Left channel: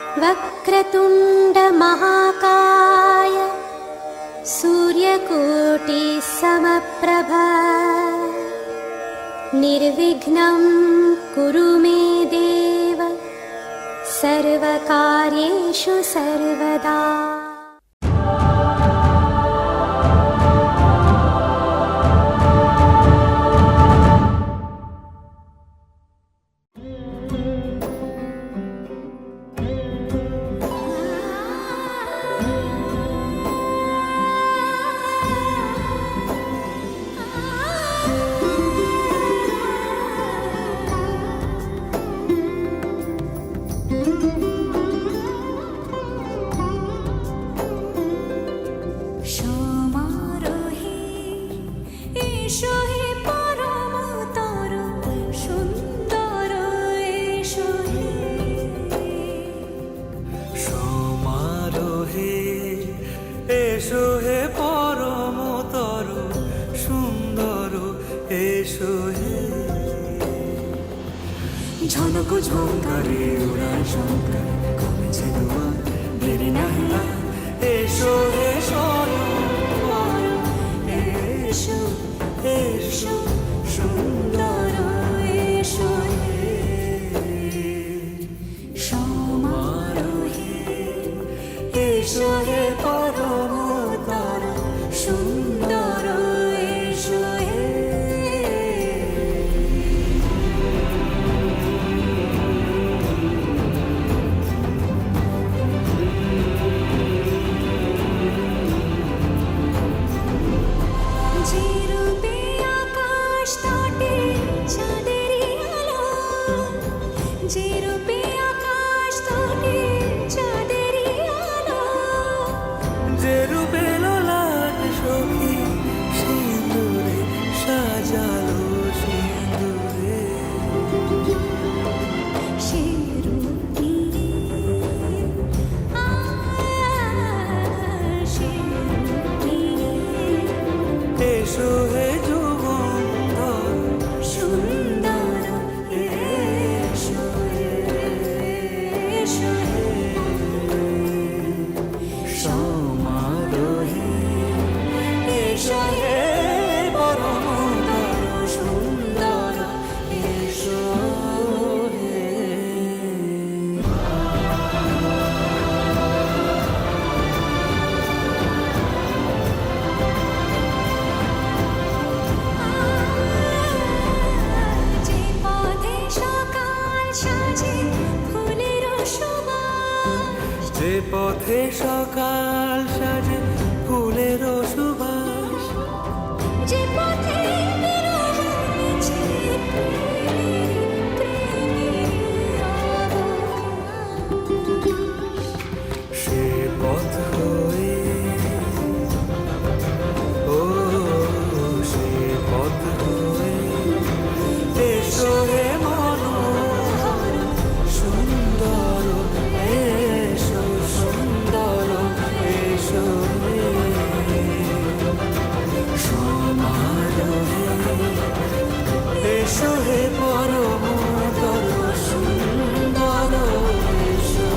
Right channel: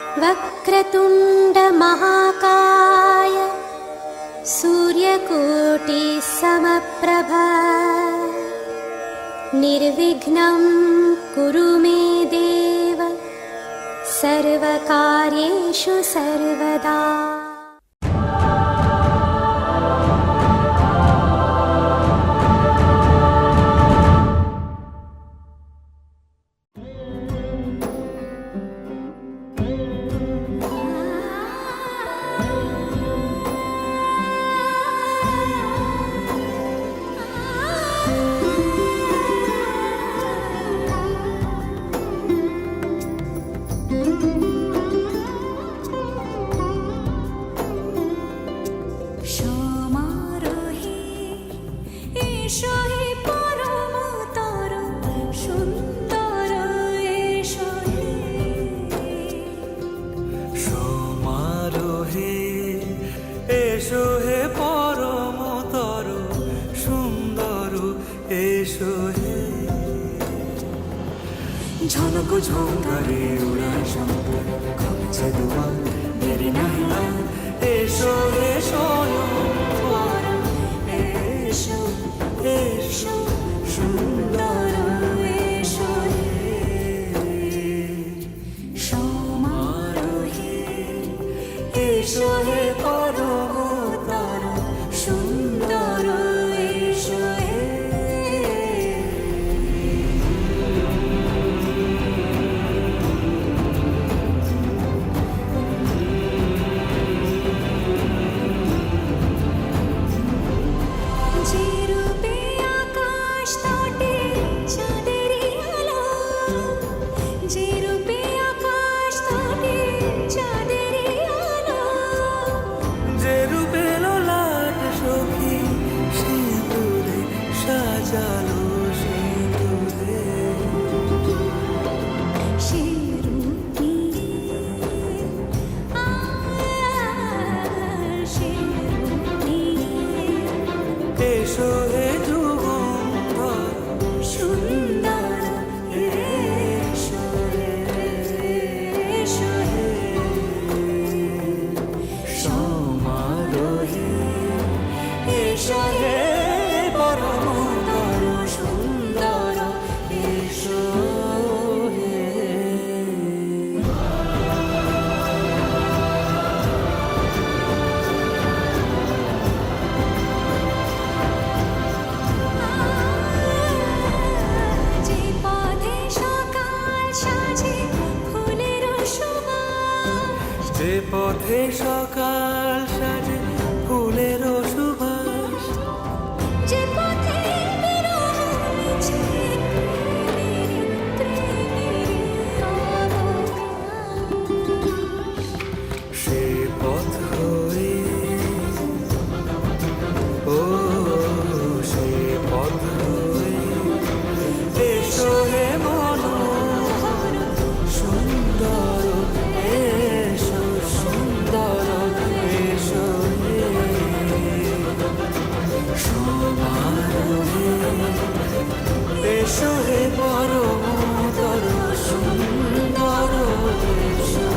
वक्रतुण्डमहाकाय सूर्यकोटिसमप्रभा निर्विघ्नं कुरु मे देव सर्वकार्येषु सर्वदा। এসো হে পরমতর সুন্দর এসো হে। ঝনক ঝঙ্কারে উড়ায় শঙ্কারে কমেছে দুয়ার দেরি নাহি আর। এসো হে স্বয়ং বর এসো এসো সুন্দর এসো হে। সমারোহে এসো হে পরমতর সুন্দর এসো হে। যে রূপে আকাশ তটে চাঁদেরই আলো, যে রূপে আকাশ তটে চাঁদেরই আলো, যে রূপে ললাট সখী সিঁদুরে সাজালো সিঁদুরে। সে রূপ নিয়ে সে রূপ নিয়ে এসো হে যুগন্ধর সুন্দর এসো এসো হে। সমারোহে এসো হে পরমতর সুন্দর এসো হে। যে পথে সকাল সাজে ফুলের সুবাস, যে পথে সকাল সাজে ফুলের সুবাস, যে পথে বিরহ মিছে প্রেমেরই প্রেমেরই অবকাশ, সে পথ হয়ে ও সে পথ হয়ে এসো হে মনোহর সুন্দর এসো সুন্দর এসো হে। সমারোহে এসো হে পরমতর সুন্দর এসো।